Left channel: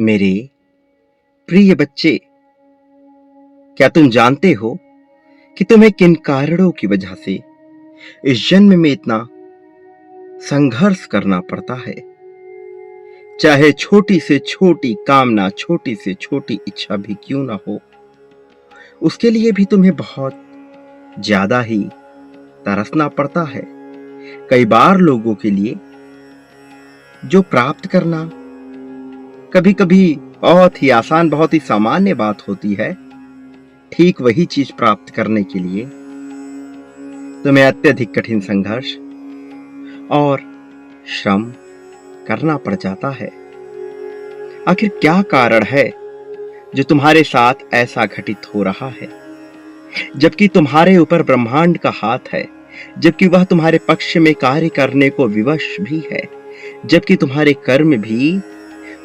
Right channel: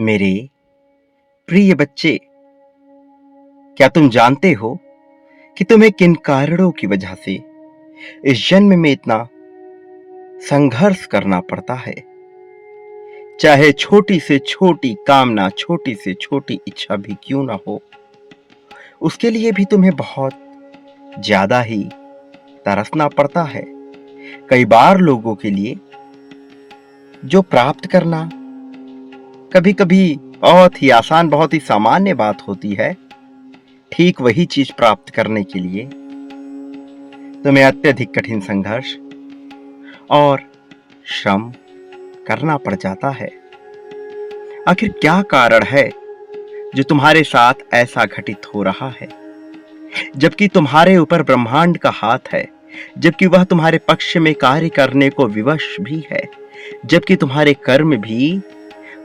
मेरे प्रिय बच्चे, क्या तुम जानते हो कि तुम्हें किन कारणों की वजह से इस जन्म में इतना संघर्ष करना पड़ता है? चाहे छोटी से छोटी कामना, छोटी से छोटी इच्छा भी क्यों ना हो, उसके लिए भी तुम्हें बहुत ज्यादा ही तरसना पड़ता है। कई बार लोगों के लिए जो प्राप्त करना कभी कभी बहुत ही आसान, बहुत ही सामान्य बात होती है, ठीक वही चीज प्राप्त करने के लिए तुम्हें अत्यधिक कठिन संघर्ष और श्रम करना पड़ जाता है। आखिर क्या कारण है जो तुम्हारे साथ ऐसा घटित हो रहा है, जबकि तुम्हारे ऊपर ब्रह्मांड का हाथ है, जबकि वह तुम्हारे पक्ष में कार्य करने को विवश भी है, जबकि तुम्हारे कर्म भी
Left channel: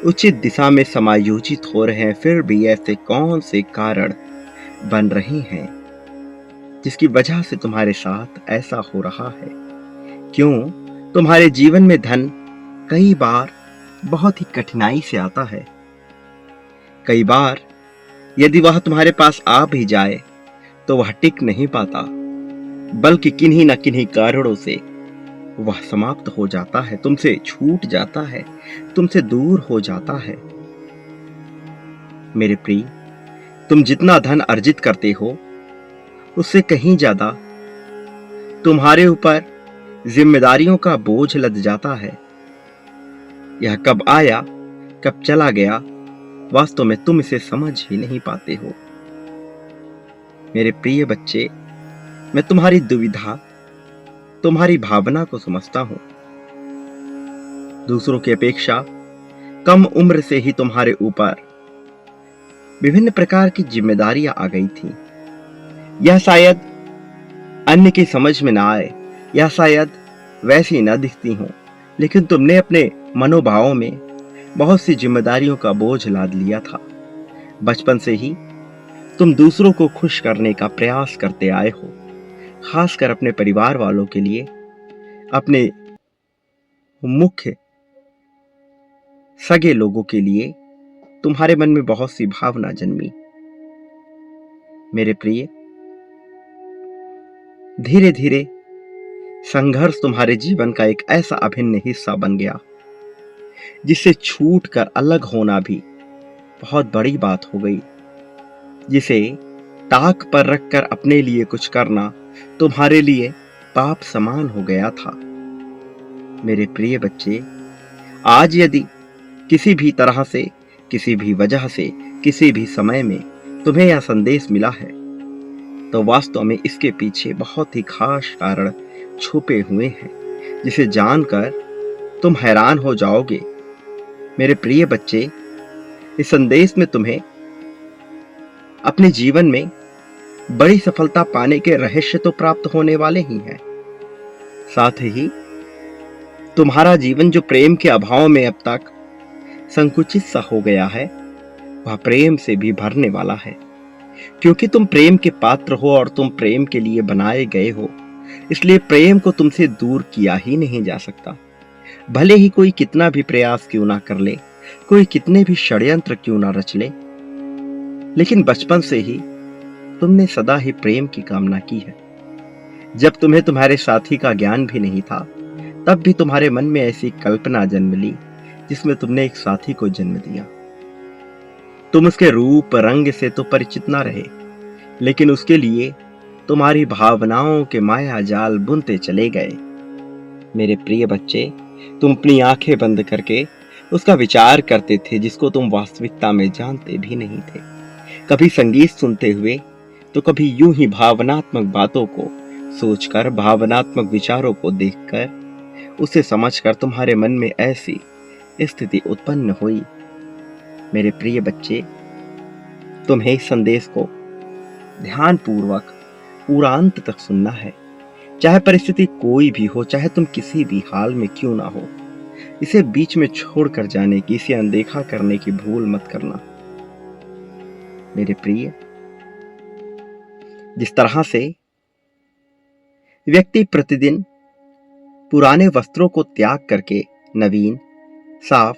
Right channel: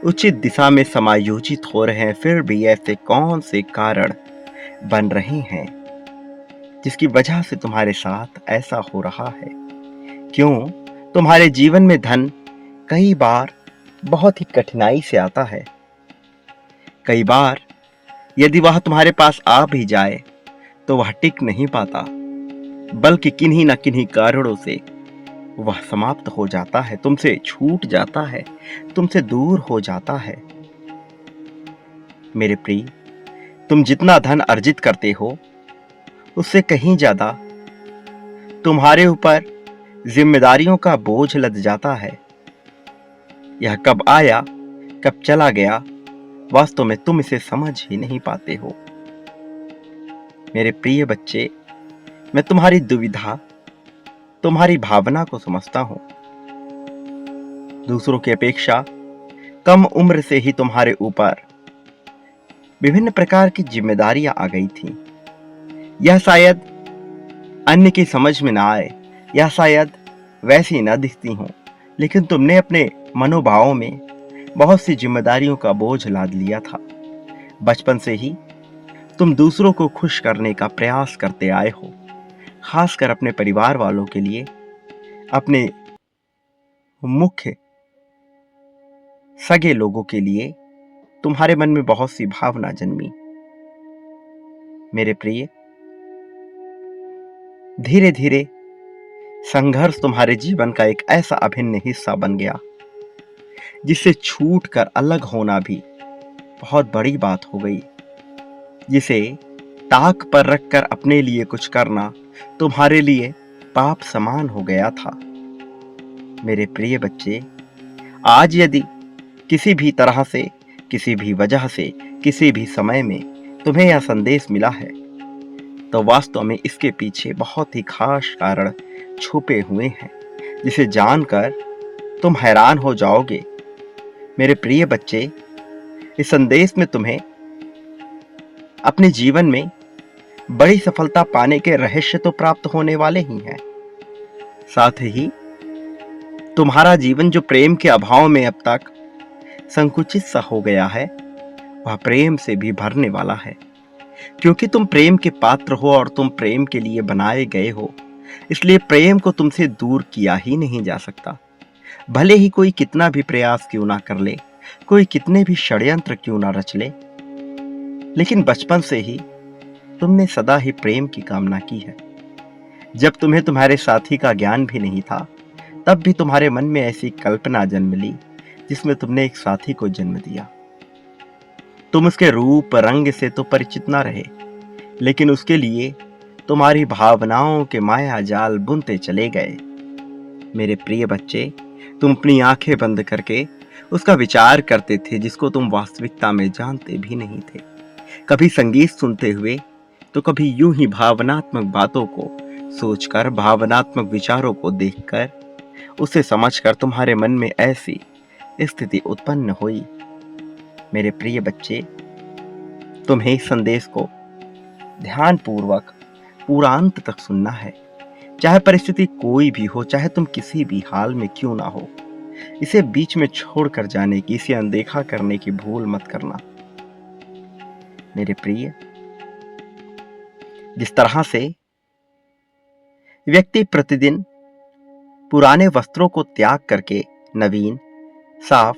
उचित दिशा में समायोजित हो रहे हैं, फिर भी ऐसे कौन से कारण बन रहे हैं जिसकी वजह से तुम्हारे साथ ऐसा हो रहा है? क्यों तुम्हारे जीवन में धन कई बार बहुत ही कठिनाई से आता है? कई बार यदि वह तुम्हारे पास आ भी जाए तो वह टिक नहीं पाता, बल्कि किन्हीं न किन्हीं कारणों से वह समाप्त हो जाता है, तुमसे छूट जाता है, तुमसे दूर हो जाता है। मेरे प्रिय, तुम जितना धन अर्जित करते हो उससे कहीं ज्यादा तुम्हारे ऊपर जिम्मेदारियों का बोझ लद जाता है। यह कब आया, कब चला गया, वास्तव में तुम इसे समझ ही नहीं पाते हो। मेरे प्रिय बच्चे, मैं तुम्हारी दुविधा, तुम्हारी भावना को समझता हूं। दूसरों की अपेक्षा कम उम्र से ही तुम्हारे ऊपर विभिन्न प्रकार की जिम्मेदारियां आ गई थी। यह शायद अन्य की समझ में ना आए, या शायद वैसी ना दिखती हो, लेकिन तुमने अपने मनोभावों में बहुत सी जिम्मेदारियों का बोझ लाद लिया था। बचपन से ही तुम दूसरों को खुश करने का प्रयास करते आए हो, खासकर अपने परिवार वालों के लिए, अपने मुख्य सगे लोगों के लिए तुम्हारे मन में बहुत सी भावना जन्मी। मेरे प्रिय, धीरे धीरे संघर्ष तुम्हारे जीवन का एक ऐसा अभिन्न हिस्सा बन गया जिससे छूट कर अलग होना भी बहुत बड़ी बात हो गई, जिसे ताक पर रखकर अपने लिए कुछ करना तुम्हारे लिए पाप समान हो गया था। मेरे प्रिय बच्चे, आज यदि किसी भी तरह से, किसी भी वजह से, किसी भी समय में तुम्हें यह संदेश मिला है, तो वास्तव में इसके पीछे बहुत ही खास कारण छुपे हुए हैं, जिसे जानकर तुम हैरान हो जाओगे। मेरे प्रिय बच्चे, इस संदेश में तुम्हें अपने जीवन में बड़ी सफलता पाने के रहस्य तो प्राप्त होने वाले ही हैं, साथ ही तुम्हारा जीवन जो प्रेम के अभाव में अब तक संकुचित सा हो गया है, वह प्रेम से भी भरने वाला है। क्योंकि तुम प्रेम के पात्र हो और तुम प्रेम के लिए बनाए गए हो, इसलिए प्रेम को तुमसे दूर किया ही नहीं जा सकता। भले ही कोई कितना भी प्रयास क्यों ना कर ले, कोई कितने भी षड्यंत्र क्यों ना रच ले, लेकिन बचपन से ही तुमने सदा ही प्रेम की कामना की है। जब तुम्हें तुम्हारे साथी का ज्ञान भी नहीं था, तब भी तुम्हारे मन में ऐसी कल्पना जन्म ली जिसमें तुमने एक साथी को जन्म दिया। तुम उसके रूप रंग से तो परिचित ना रहे, लेकिन उसके लिए तुम्हारी भावनाओं के माया जाल बुनते चले गए। मेरे प्रिय बच्चे, तुम अपनी आंखें बंद करके उसका विचार करते थे जिसको तुम वास्तविकता में जानते भी नहीं थे। कभी संगीत सुनते हुए, तो कभी यूं ही भावनात्मक बातों को सोचकर, भावनात्मक विचारों को देखकर, उसे समझकर तुम्हारे मन में ऐसी स्थिति उत्पन्न हुई। मेरे प्रिय बच्चे, तुम्हें इस संदेश को ध्यानपूर्वक पूरा अंत तक सुनना है। चाहे परिस्थिति कोई भी हो, चाहे तुम किसी भी हाल में क्यों ना हो, इसे बीच में छोड़कर जाने की, इसे अनदेखा करने की भूल मत करना। मेरे प्रिय, जिस तरह से व्यक्ति प्रतिदिन पुराने वस्त्रों को त्याग करके नवीन, साफ,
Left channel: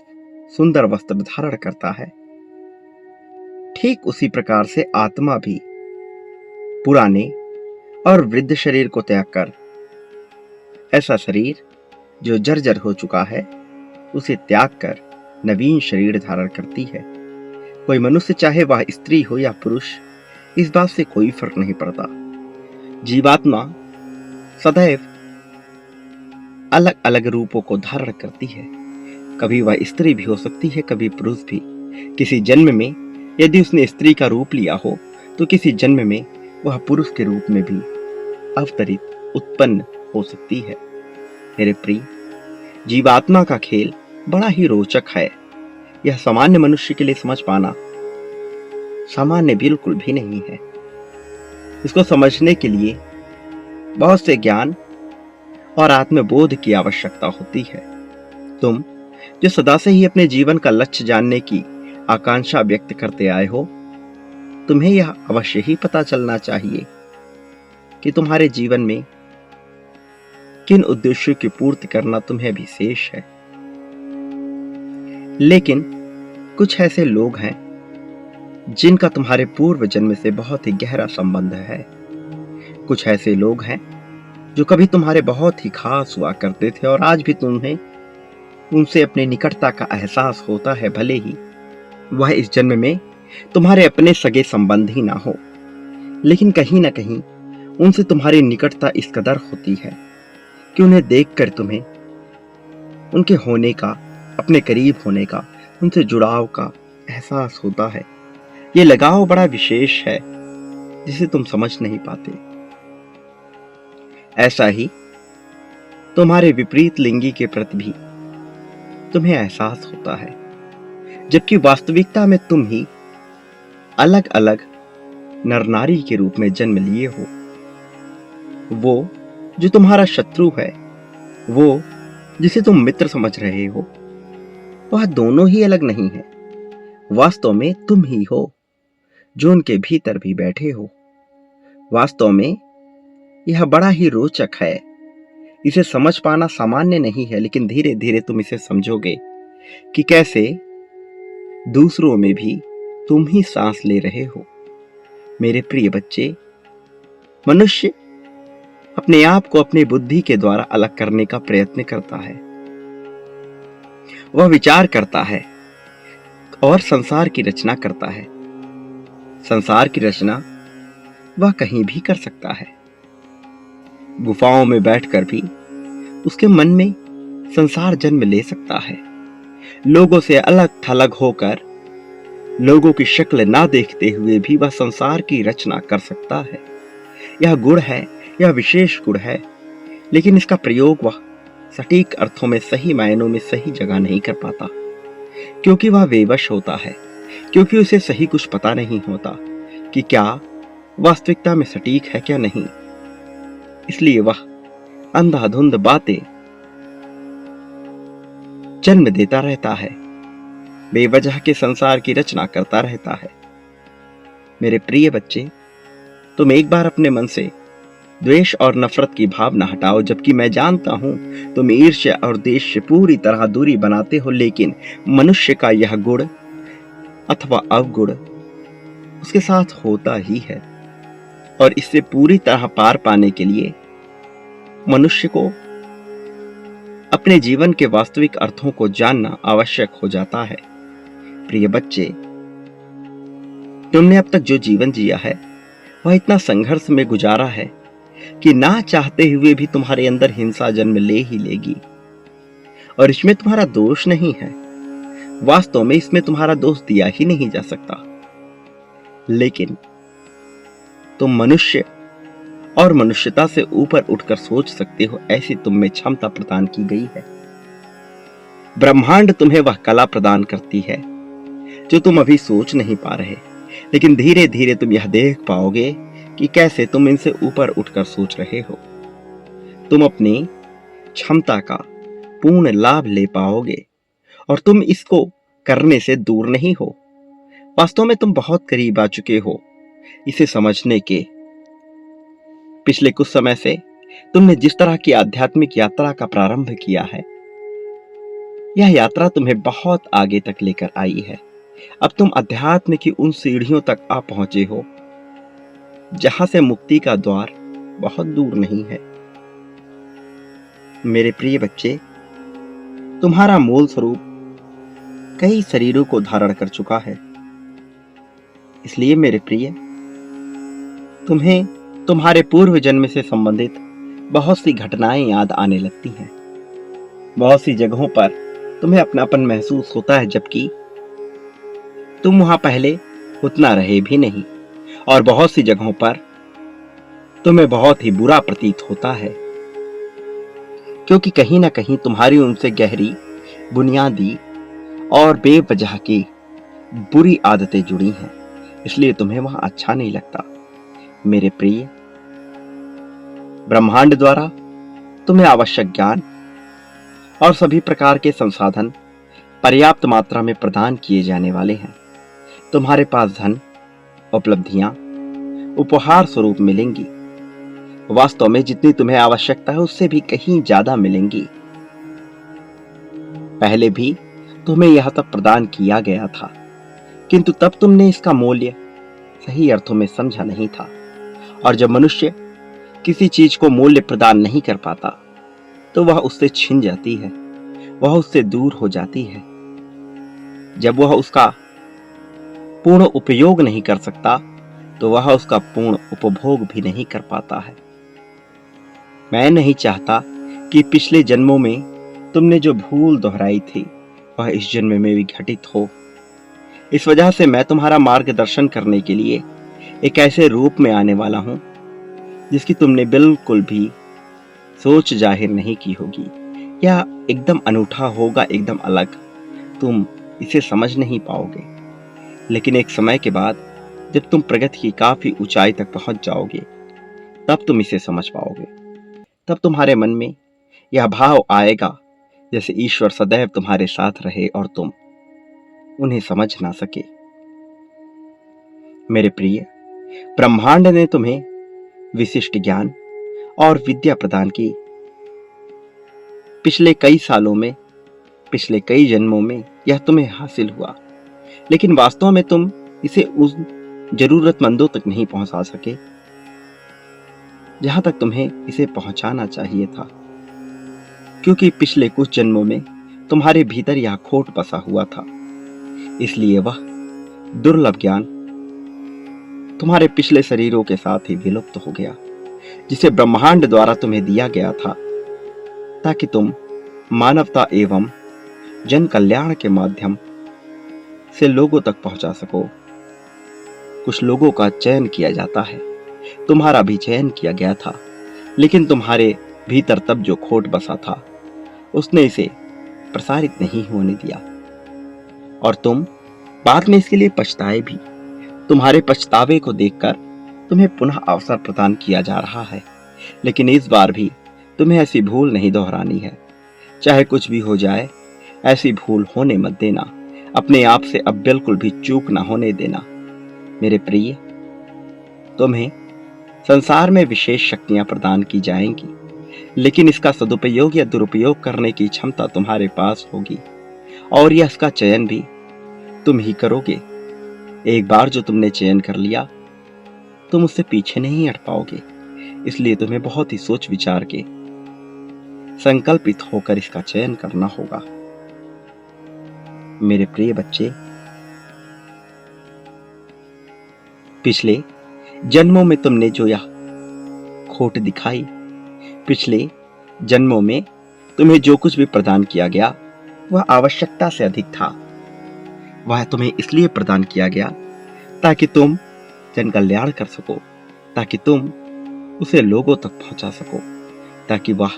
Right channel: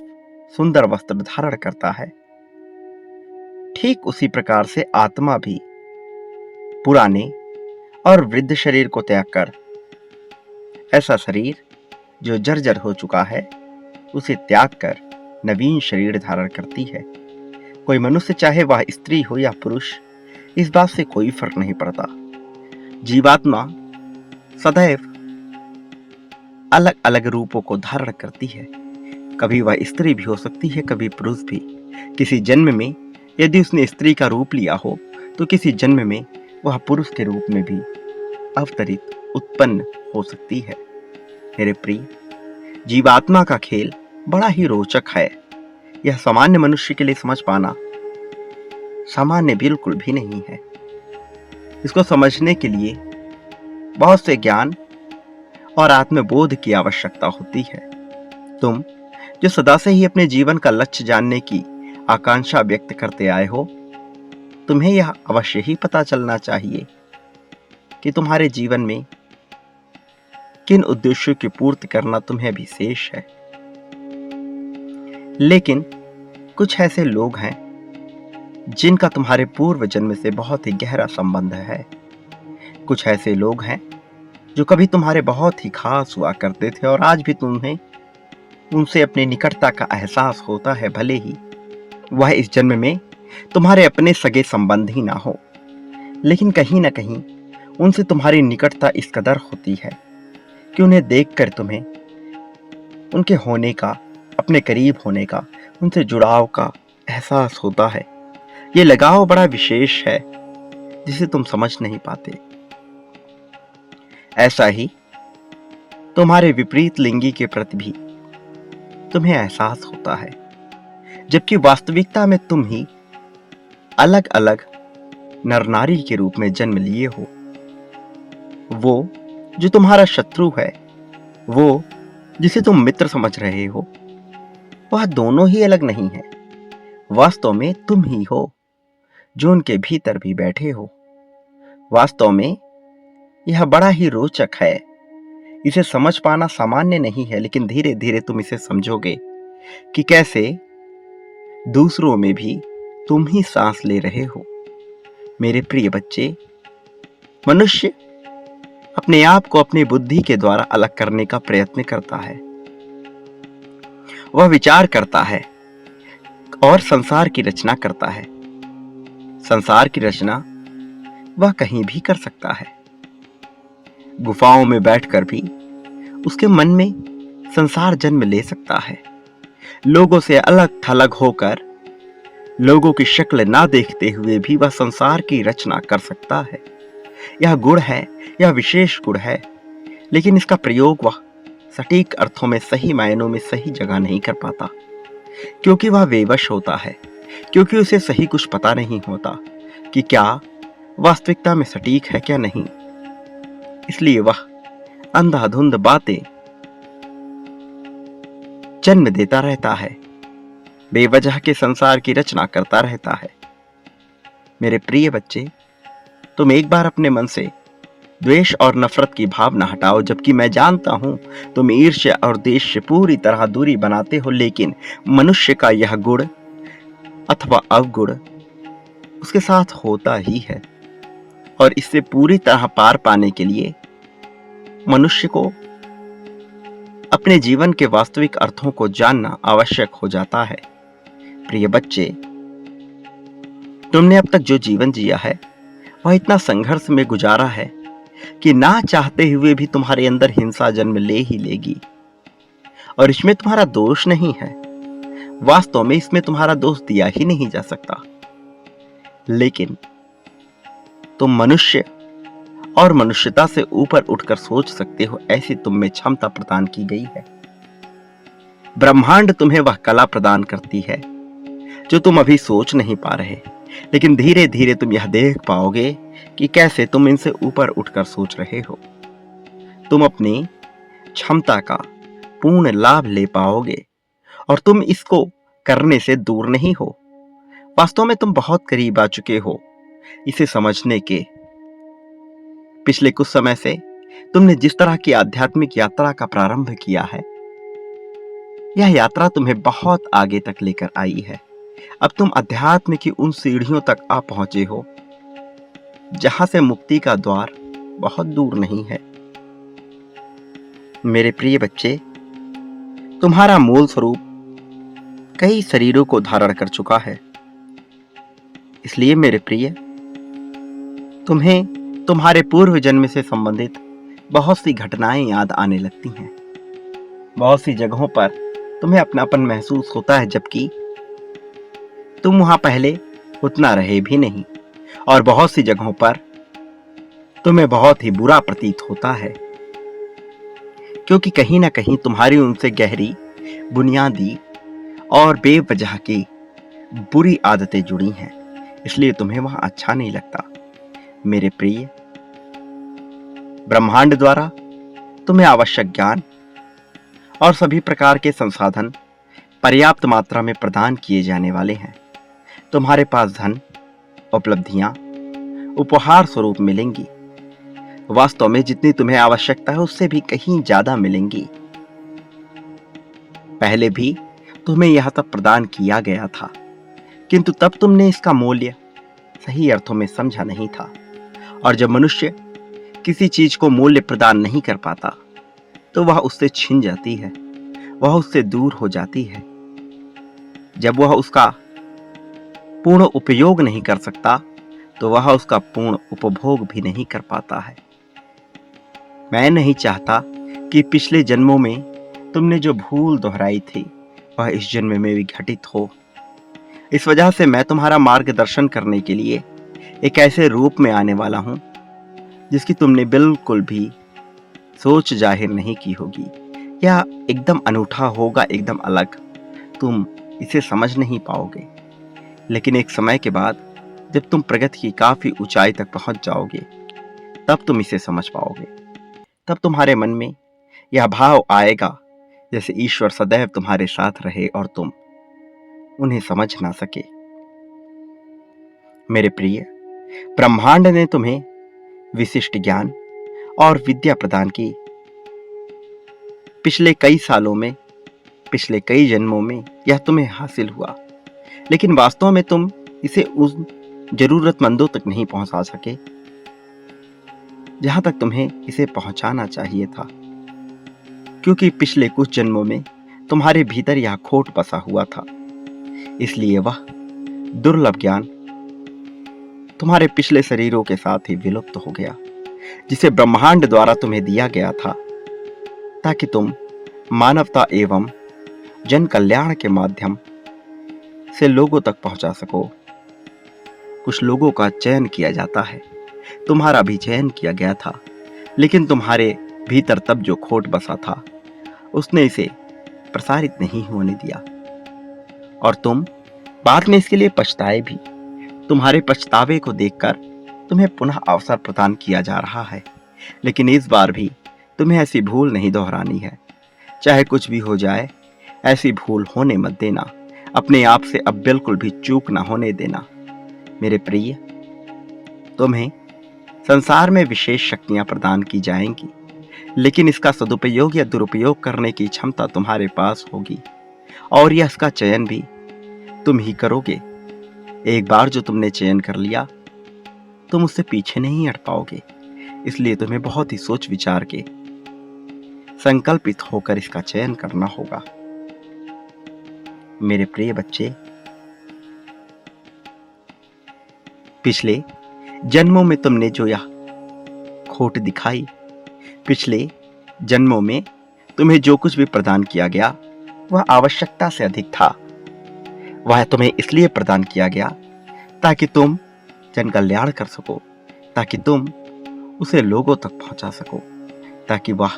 सुंदर वस्त्र धारण करता है, ठीक उसी प्रकार से आत्मा भी पुराने और वृद्ध शरीर को त्याग कर, ऐसा शरीर जो जर्जर हो चुका है उसे त्याग कर नवीन शरीर धारण करती है। कोई मनुष्य चाहे वह स्त्री हो या पुरुष, इस बात से कोई फर्क नहीं पड़ता। जीवात्मा सदैव अलग अलग रूपों को धारण करती है। कभी वह स्त्री भी हो सकती है, कभी पुरुष भी। किसी जन्म में यदि उसने स्त्री का रूप लिया हो तो किसी जन्म में वह पुरुष के रूप में भी अवतरित उत्पन्न हो सकती है। मेरे प्रिय, जीवात्मा का खेल बड़ा ही रोचक है। यह सामान्य मनुष्य के लिए समझ पाना सामान्य बिल्कुल भी नहीं है। इसको समझने के लिए बहुत से ज्ञान और आत्मबोध की आवश्यकता होती है। तुम जो सदा से ही अपने जीवन का लक्ष्य जानने की आकांक्षा व्यक्त करते आए हो, तुम्हें यह अवश्य ही पता चलना चाहिए कि तुम्हारे जीवन में किन उद्देश्यों की पूर्ति करना तुम्हें भी शेष है। लेकिन कुछ ऐसे लोग हैं जिनका तुम्हारे पूर्व जन्म से बहुत ही गहरा संबंध है। कुछ ऐसे लोग हैं जो कभी तुम्हारे बहुत ही खास हुआ करते थे और आज भी तुम्हें उनसे अपनी निकटता का एहसास होता है, भले ही वह इस जन्म में तुम्हारे अपने सगे संबंध ही ना हो। लेकिन कहीं ना कहीं उनसे तुम्हारी निकटता इस कदर होती है कि उन्हें देखकर तुम्हें उनके होने का, अपने करीब होने का, उनसे जुड़ाव का एहसास होता है। ये लगाव बड़ा विशेष है जिसे तुम समझ नहीं पाते। ऐसा ही तुम्हारे विपरीत लिंगी के प्रति भी तुम्हें एहसास होता है, जबकि वास्तविकता में तुम ही अलग अलग नर नारी के रूप में जन्म लिए हो। वो जो तुम्हारा शत्रु है, वो जिसे तुम मित्र समझ रहे हो, वह दोनों ही अलग नहीं है। वास्तव में तुम ही हो जो उनके भीतर भी बैठे हो। वास्तव में यह बड़ा ही रोचक है। इसे समझ पाना सामान्य नहीं है, लेकिन धीरे धीरे तुम इसे समझोगे कि कैसे दूसरों में भी तुम ही सांस ले रहे हो। मेरे प्रिय बच्चे, मनुष्य अपने आप को अपनी बुद्धि के द्वारा अलग करने का प्रयत्न करता है। वह विचार करता है और संसार की रचना करता है। संसार की रचना वह कहीं भी कर सकता है। गुफाओं में बैठकर भी उसके मन में संसार जन्म ले सकता है। लोगों से अलग थलग होकर, लोगों की शक्ल ना देखते हुए भी वह संसार की रचना कर सकता है। यह गुण है, यह विशेष गुण है, लेकिन इसका प्रयोग वह सटीक अर्थों में, सही मायनों में सही जगह नहीं कर पाता, क्योंकि वह बेवश होता है, क्योंकि उसे सही कुछ पता नहीं होता कि क्या वास्तविकता में सटीक है क्या नहीं। इसलिए वह अंधाधुंध बातें जन्म देता रहता है, बेवजह के संसार की रचना करता रहता है। मेरे प्रिय बच्चे, तुम एक बार अपने मन से द्वेष और नफरत की भावना हटाओ। जबकि मैं जानता हूं तुम ईर्ष्या और द्वेष से पूरी तरह दूरी बनाते हो, लेकिन मनुष्य का यह गुण अथवा अवगुण उसके साथ होता ही है, और इससे पूरी तरह पार पाने के लिए मनुष्य को अपने जीवन के वास्तविक अर्थों को जानना आवश्यक हो जाता है। प्रिय बच्चे, तुमने अब तक जो जीवन जिया है वह इतना संघर्ष में गुजारा है कि ना चाहते हुए भी तुम्हारे अंदर हिंसा जन्म ले ही लेगी, और इसमें तुम्हारा दोष नहीं है। वास्तव में इसमें तुम्हारा दोष दिया ही नहीं जा सकता, लेकिन तुम मनुष्य और मनुष्यता से ऊपर उठकर सोच सकते हो, ऐसी तुम में क्षमता प्रदान की गई है। ब्रह्मांड तुम्हें वह कला प्रदान करती है जो तुम अभी सोच नहीं पा रहे, लेकिन धीरे धीरे तुम यह देख पाओगे कि कैसे तुम इनसे ऊपर उठकर सोच रहे हो। तुम अपनी क्षमता का पूर्ण लाभ ले पाओगे, और तुम इसको करने से दूर नहीं हो। वास्तव में तुम बहुत करीब आ चुके हो इसे समझने के। पिछले कुछ समय से तुमने जिस तरह की आध्यात्मिक यात्रा का प्रारंभ किया है, यह यात्रा तुम्हें बहुत आगे तक लेकर आई है। अब तुम अध्यात्म की उन सीढ़ियों तक आ पहुंचे हो जहां से मुक्ति का द्वार बहुत दूर नहीं है। मेरे प्रिय बच्चे, तुम्हारा मूल स्वरूप कई शरीरों को धारण कर चुका है। इसलिए मेरे प्रिय, तुम्हें तुम्हारे पूर्व जन्म से संबंधित बहुत सी घटनाएं याद आने लगती हैं। बहुत सी जगहों पर तुम्हें अपनापन महसूस होता है, जबकि तुम वहां पहले उतना रहे भी नहीं। और बहुत सी जगहों पर तुम्हें बहुत ही बुरा प्रतीत होता है, क्योंकि कहीं ना कहीं तुम्हारी उनसे गहरी, बुनियादी और बेवजह की बुरी आदतें जुड़ी हैं। इसलिए तुम्हें वहां अच्छा नहीं लगता। मेरे प्रिय, ब्रह्मांड द्वारा तुम्हें आवश्यक ज्ञान और सभी प्रकार के संसाधन पर्याप्त मात्रा में प्रदान किए जाने वाले हैं। तुम्हारे पास धन, उपलब्धियां उपहार स्वरूप मिलेंगी। वास्तव में जितनी तुम्हें आवश्यकता है उससे भी कहीं ज्यादा मिलेंगी। पहले भी तुम्हें यह सब प्रदान किया गया था, किंतु तब तुमने इसका मूल्य सही अर्थों में समझा नहीं था। और जब मनुष्य किसी चीज को मूल्य प्रदान नहीं कर पाता तो वह उससे छिन जाती है, वह उससे दूर हो जाती है। जब वह उसका पूर्ण उपयोग नहीं कर सकता तो वह उसका पूर्ण उपभोग भी नहीं कर पाता है। मैं नहीं चाहता कि पिछले जन्मों में तुमने जो भूल दोहराई थी वह इस जन्म में भी घटित हो। इस वजह से मैं तुम्हारा मार्गदर्शन करने के लिए एक ऐसे रूप में आने वाला हूं जिसकी तुमने बिल्कुल भी सोच जाहिर नहीं की होगी। यह एकदम अनूठा होगा, एकदम अलग। तुम इसे समझ नहीं पाओगे, लेकिन एक समय के बाद जब तुम प्रगति की काफी ऊंचाई तक पहुंच जाओगे तब तुम इसे समझ पाओगे। तब तुम्हारे मन में यह भाव आएगा जैसे ईश्वर सदैव तुम्हारे साथ रहे और तुम उन्हें समझ ना सके। मेरे प्रिय, ब्रह्मांड ने तुम्हें विशिष्ट ज्ञान और विद्या प्रदान की। पिछले कई सालों में, पिछले कई जन्मों में यह तुम्हें हासिल हुआ, लेकिन वास्तव में तुम इसे उस जरूरतमंदों तक नहीं पहुंचा सके जहां तक तुम्हें इसे पहुंचाना चाहिए था, क्योंकि पिछले कुछ जन्मों में तुम्हारे भीतर यह खोट बसा हुआ था। इसलिए वह दुर्लभ ज्ञान तुम्हारे पिछले शरीरों के साथ ही विलुप्त हो गया, जिसे ब्रह्मांड द्वारा तुम्हें दिया गया था ताकि तुम मानवता एवं जन कल्याण के माध्यम से लोगों तक पहुंचा सको। कुछ लोगों का चयन किया जाता है, तुम्हारा भी चयन किया गया था, लेकिन तुम्हारे भीतर तब जो खोट बसा था उसने इसे प्रसारित नहीं होने दिया और तुम बाद में इसके लिए पछताए भी। तुम्हारे पछतावे को देखकर तुम्हें पुनः अवसर प्रदान किया जा रहा है, लेकिन इस बार भी तुम्हें ऐसी भूल नहीं दोहरानी है। चाहे कुछ भी हो जाए, ऐसी भूल होने मत देना। अपने आप से अब बिल्कुल भी चूक ना होने देना। मेरे प्रिय, तुम्हें संसार में विशेष शक्तियां प्रदान की जाएंगी, लेकिन इसका सदुपयोग या दुरुपयोग करने की क्षमता तुम्हारे पास होगी और यह इसका चयन भी तुम ही करोगे। एक बार जो तुमने चयन कर लिया, तुम उससे पीछे नहीं हट पाओगे। इसलिए तुम्हें बहुत ही सोच विचार के संकल्पित होकर इसका चयन करना होगा। मेरे प्रिय बच्चे, पिछले जन्मों में तुमने जो यह खोट दिखाई, पिछले जन्मों में तुम्हें जो कुछ भी प्रदान किया गया वह आवश्यकता से अधिक था। वह तुम्हें इसलिए प्रदान किया गया ताकि तुम जन कल्याण कर सको, ताकि तुम उसे लोगों तक पहुंचा सको, ताकि वह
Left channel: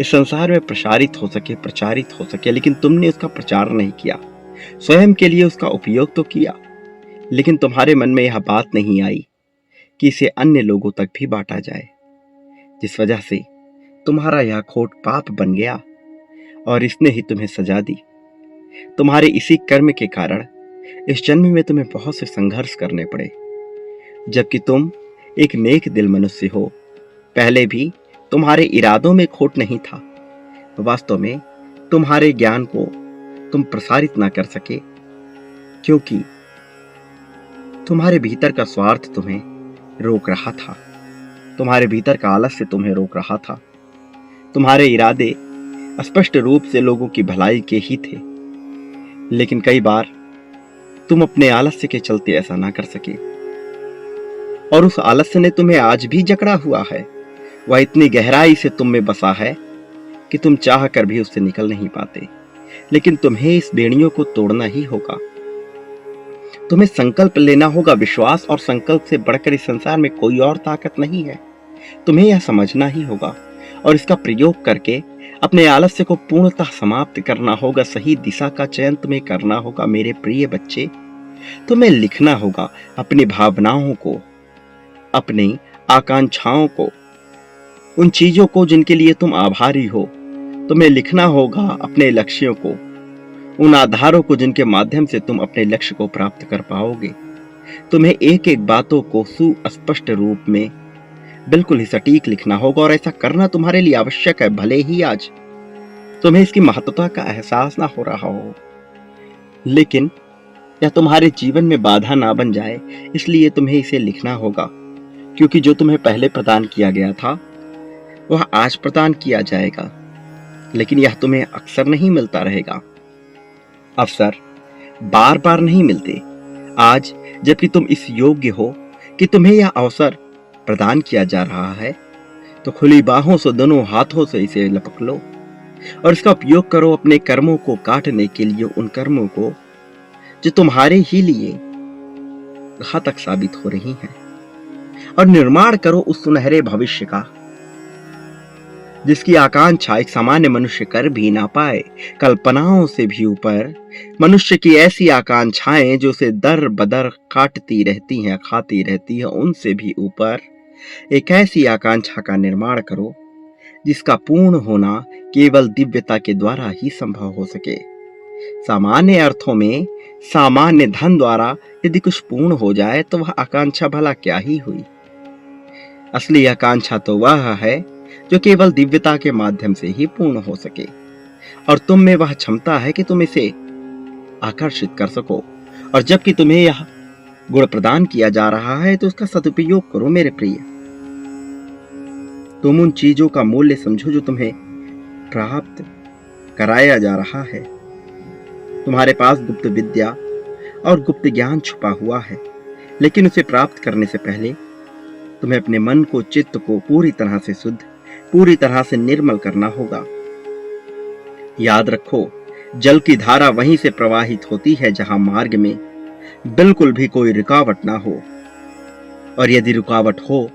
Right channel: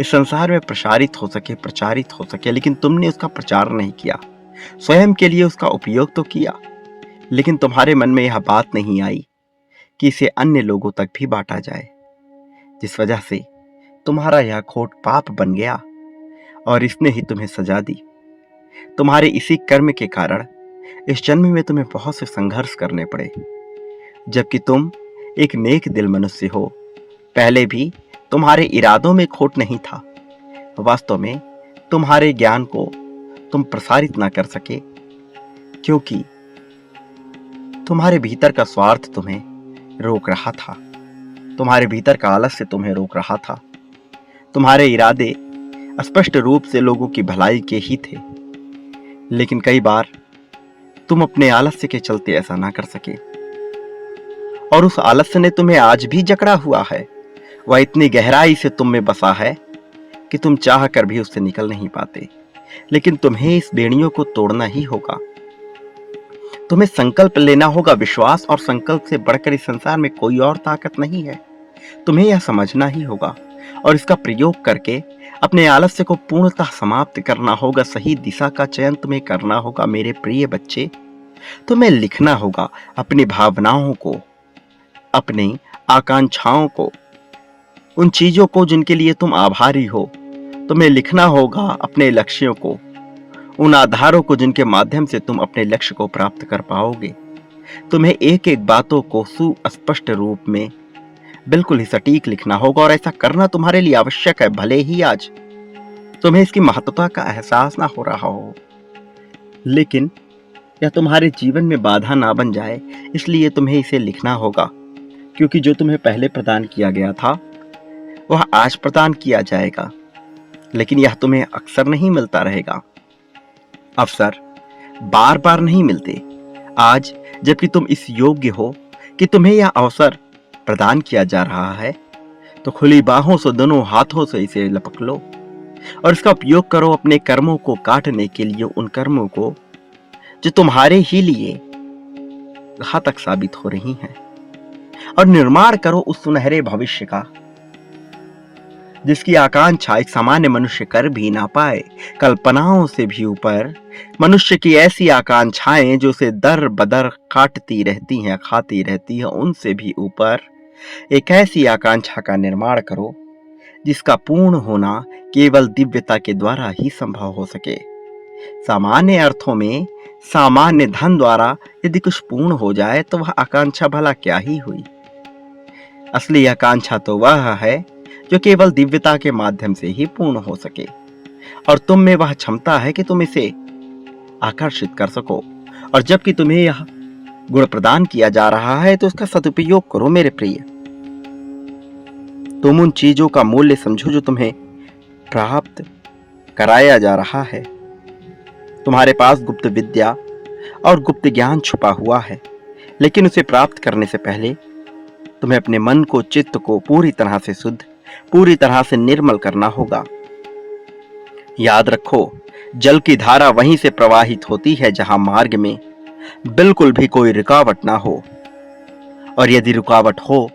इस संसार में प्रसारित हो सके, प्रचारित हो सके। लेकिन तुमने उसका प्रचार नहीं किया, स्वयं के लिए उसका उपयोग तो किया, लेकिन तुम्हारे मन में यह बात नहीं आई कि इसे अन्य लोगों तक भी बांटा जाए, जिस वजह से तुम्हारा यह खोट पाप बन गया और इसने ही तुम्हें सजा दी। तुम्हारे इसी कर्म के कारण इस जन्म में तुम्हें बहुत से संघर्ष करने पड़े, जबकि तुम एक नेक दिल मनुष्य हो। पहले भी तुम्हारे इरादों में खोट नहीं था, वास्तव में तुम्हारे ज्ञान को तुम प्रसारित ना कर सके, क्योंकि तुम्हारे भीतर का स्वार्थ तुम्हें रोक रहा था, तुम्हारे भीतर का आलस्य तुम्हें रोक रहा था। तुम्हारे इरादे स्पष्ट रूप से लोगों की भलाई के ही थे, लेकिन कई बार तुम अपने आलस्य के चलते ऐसा ना कर सके, और उस आलस्य ने तुम्हें आज भी जकड़ा हुआ है। वह इतनी गहराई से तुम में बसा है कि तुम चाह कर भी उससे निकल नहीं पाते, लेकिन तुम्हें इस बेड़ियों को तोड़ना ही होगा। तुम्हें संकल्प लेना होगा। विश्वास और संकल्प से बढ़कर इस संसार में कोई और ताकत नहीं है। तुम्हें यह समझना ही होगा और इसका प्रयोग करके अपने आलस्य को पूर्णतः समाप्त करना होगा। सही दिशा का चयन तुम्हें करना होगा। मेरे प्रिय बच्चे, तुम्हें लिखना होगा अपनी भावनाओं को, अपनी आकांक्षाओं को, उन चीजों को जिनके लिए तुम आभारी हो। तुम्हें लिखना होगा अपने लक्ष्यों को, उन आधारों को जिनके माध्यम से तुम अपने लक्ष्य को प्राप्त कर पाओगे। तुम्हें एक एक बातों को सुस्पष्ट रूप में बिल्कुल ही सटीक लिखना होगा, और ऐसा करना तुम्हारे लिए आवश्यक है। भले ही आज तुम्हें इसकी महत्वता का एहसास ना हो रहा हो, लेकिन यह तुम्हारे जीवन में बाधा ना बन जाए, इसलिए तुम्हें इसे लिखना होगा। क्योंकि जो तुम्हें पहले प्रदान किया गया था वह आज प्रदान किया जाएगा, लेकिन यह तुम्हें अक्सर नहीं मिलता रहेगा। अवसर बार बार नहीं मिलते। आज जबकि तुम इस योग्य हो कि तुम्हें यह अवसर प्रदान किया जा रहा है, तो खुली बाहों से, दोनों हाथों से इसे लपक लो और इसका उपयोग करो अपने कर्मों को काटने के लिए, उन कर्मों को जो तुम्हारे ही लिए घातक साबित हो रही हैं, और निर्माण करो उस सुनहरे भविष्य का जिसकी आकांक्षा एक सामान्य मनुष्य कर भी ना पाए। कल्पनाओं से भी ऊपर मनुष्य की ऐसी आकांक्षाएं जो उसे दर बदर काटती रहती हैं, खाती रहती हैं, उनसे भी ऊपर एक ऐसी आकांक्षा का निर्माण करो जिसका पूर्ण होना केवल दिव्यता के द्वारा ही संभव हो सके। सामान्य अर्थों में सामान्य धन द्वारा यदि कुछ पूर्ण हो जाए तो वह आकांक्षा भला क्या ही हुई। असली आकांक्षा तो वह है जो केवल दिव्यता के माध्यम से ही पूर्ण हो सके, और तुम में वह क्षमता है कि तुम इसे आकर्षित कर सको। और जबकि तुम्हें यह गुण प्रदान किया जा रहा है तो उसका सदुपयोग करो मेरे प्रिय। तुम उन चीजों का मूल्य समझो जो तुम्हें प्राप्त कराया जा रहा है। तुम्हारे पास गुप्त विद्या और गुप्त ज्ञान छुपा हुआ है, लेकिन उसे प्राप्त करने से पहले तुम्हें अपने मन को, चित्त को पूरी तरह से शुद्ध, पूरी तरह से निर्मल करना होगा। याद रखो, जल की धारा वहीं से प्रवाहित होती है जहां मार्ग में बिल्कुल भी कोई रुकावट ना हो, और यदि रुकावट हो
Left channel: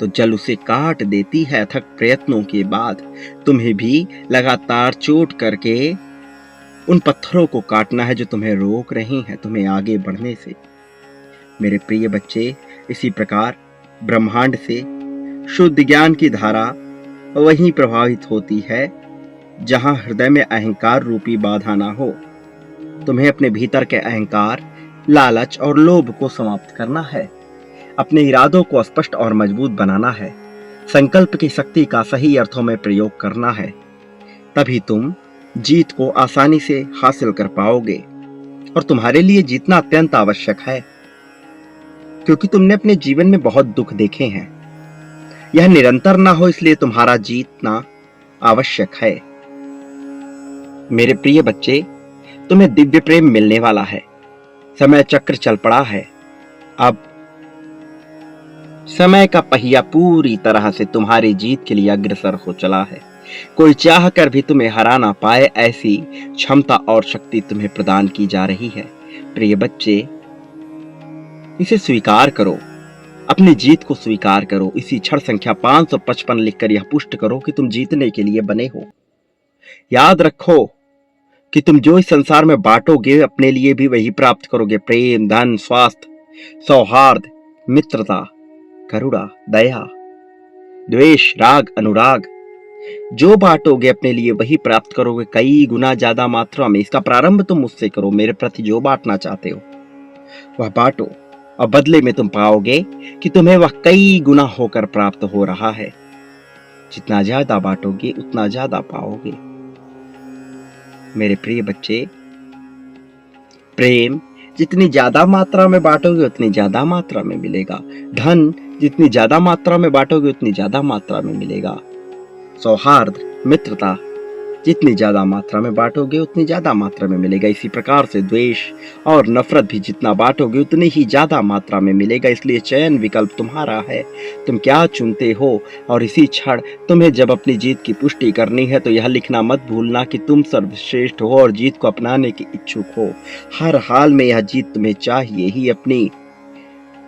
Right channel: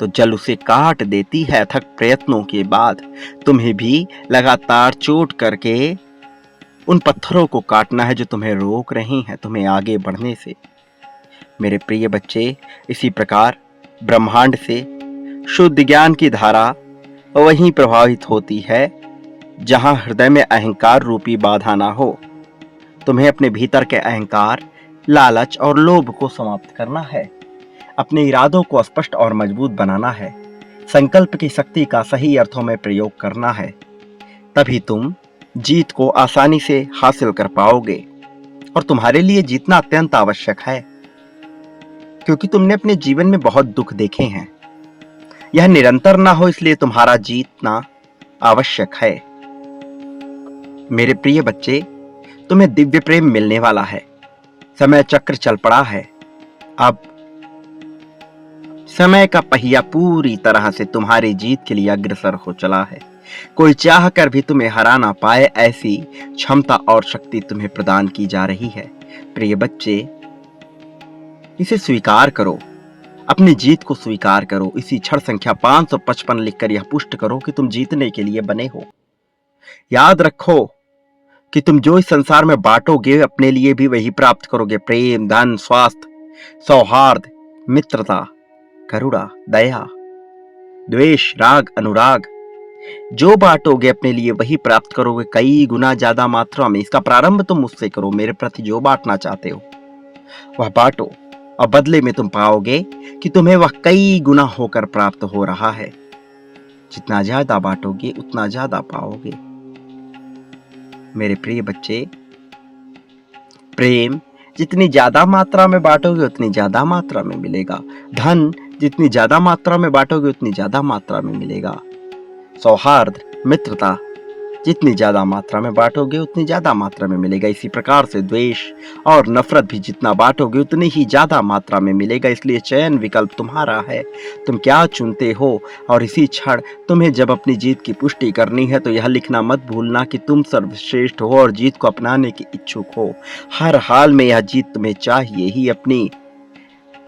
तो जल उसे काट देती है। अथक प्रयत्नों के बाद तुम्हें भी लगातार चोट करके उन पत्थरों को काटना है जो तुम्हें रोक रही हैं तुम्हें आगे बढ़ने से। मेरे प्रिय बच्चे, इसी प्रकार ब्रह्मांड से शुद्ध ज्ञान की धारा वहीं प्रभावित होती है जहां हृदय में अहंकार रूपी बाधा ना हो। तुम्हें अपने भीतर के अहंकार, लालच और लोभ को समाप्त करना है। अपने इरादों को स्पष्ट और मजबूत बनाना है। संकल्प की शक्ति का सही अर्थों में प्रयोग करना है। तभी तुम जीत को आसानी से हासिल कर पाओगे। और तुम्हारे लिए जीतना अत्यंत आवश्यक है, क्योंकि तुमने अपने जीवन में बहुत दुख देखे हैं। यह निरंतर ना हो, इसलिए तुम्हारा जीतना आवश्यक है। मेरे प्रिय बच्चे, तुम्हें दिव्य प्रेम मिलने वाला है। समय चक्र चल पड़ा है। अब समय का पहिया पूरी तरह से तुम्हारी जीत के लिए अग्रसर हो चला है। कोई चाह कर भी तुम्हें हरा ना पाए, ऐसी क्षमता और शक्ति तुम्हें प्रदान की जा रही है। प्रिय बच्चे, इसे स्वीकार करो, अपनी जीत को स्वीकार करो। इसी क्षण संख्या 555 लिखकर यह पुष्ट करो कि तुम जीतने के लिए बने हो। याद रखो कि तुम जो इस संसार में बांटोगे, अपने लिए भी वही प्राप्त करोगे। प्रेम, धन, स्वास्थ्य, सौहार्द, मित्रता, करुणा, दया, द्वेष, राग, अनुराग, जो बांटोगे अपने लिए वही प्राप्त करोगे, कई गुना ज्यादा मात्रा में। इसका प्रारंभ तुम मुझसे करो। मेरे प्रति जो बांटना चाहते हो वह बांटो, और बदले में तुम पाओगे कि तुम्हें वह कई गुना होकर प्राप्त हो रहा है। जितना ज्यादा बांटोगे उतना ज्यादा पाओगे। मेरे प्रिय बच्चे, प्रेम जितनी ज्यादा मात्रा में बांटोगे उतनी ज्यादा मात्रा में मिलेगा। धन जितनी ज्यादा मात्रा में बांटोगे उतनी ज्यादा मात्रा में मिलेगा। सौहार्द, मित्रता जितनी ज्यादा मात्रा में बांटोगे उतनी ज्यादा मात्रा में मिलेगा। इसी प्रकार से द्वेष और नफरत भी जितना बांटोगे उतनी ही ज्यादा मात्रा में मिलेगा। इसलिए चयन विकल्प तुम्हारा है, तुम क्या चुनते हो। और इसी क्षण तुम्हें जब अपनी जीत की पुष्टि करनी है तो यह लिखना मत भूलना कि तुम सर्वश्रेष्ठ हो और जीत को अपनाने के इच्छुक हो। हर हाल में यह जीत तुम्हें चाहिए ही। अपनी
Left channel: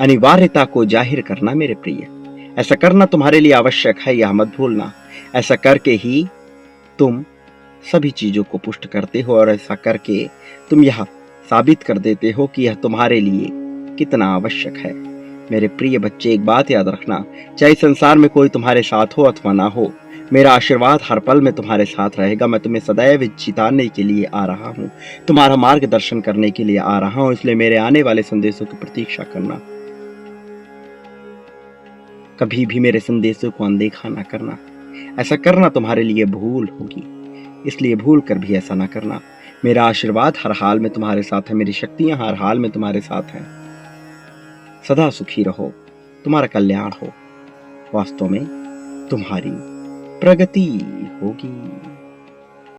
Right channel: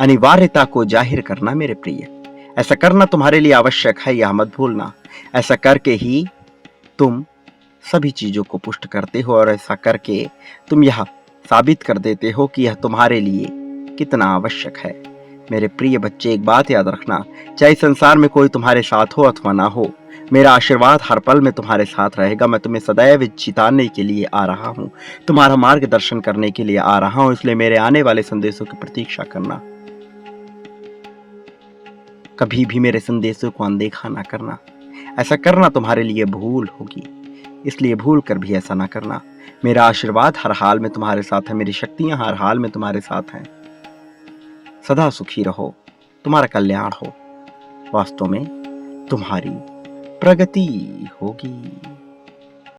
अनिवार्यता को जाहिर करना मेरे प्रिय, ऐसा करना तुम्हारे लिए आवश्यक है, यह मत भूलना। ऐसा करके ही तुम सभी चीजों को पुष्ट करते हो और ऐसा करके तुम यह साबित कर देते हो कि यह तुम्हारे लिए कितना आवश्यक है। मेरे प्रिय बच्चे, एक बात याद रखना, चाहे संसार में कोई तुम्हारे साथ हो अथवा ना हो, मेरा आशीर्वाद हर पल में तुम्हारे साथ रहेगा। मैं तुम्हें सदैव जिताने के लिए आ रहा हूँ, तुम्हारा मार्गदर्शन करने के लिए आ रहा हूँ। इसलिए मेरे आने वाले संदेशों की प्रतीक्षा करना, कभी भी मेरे संदेशों को अनदेखा ना करना। ऐसा करना तुम्हारे लिए भूल होगी, इसलिए भूल कर भी ऐसा ना करना। मेरा आशीर्वाद हर हाल में तुम्हारे साथ है, मेरी शक्तियां हर हाल में तुम्हारे साथ हैं। सदा सुखी रहो, तुम्हारा कल्याण हो, वास्तव में तुम्हारी प्रगति होगी।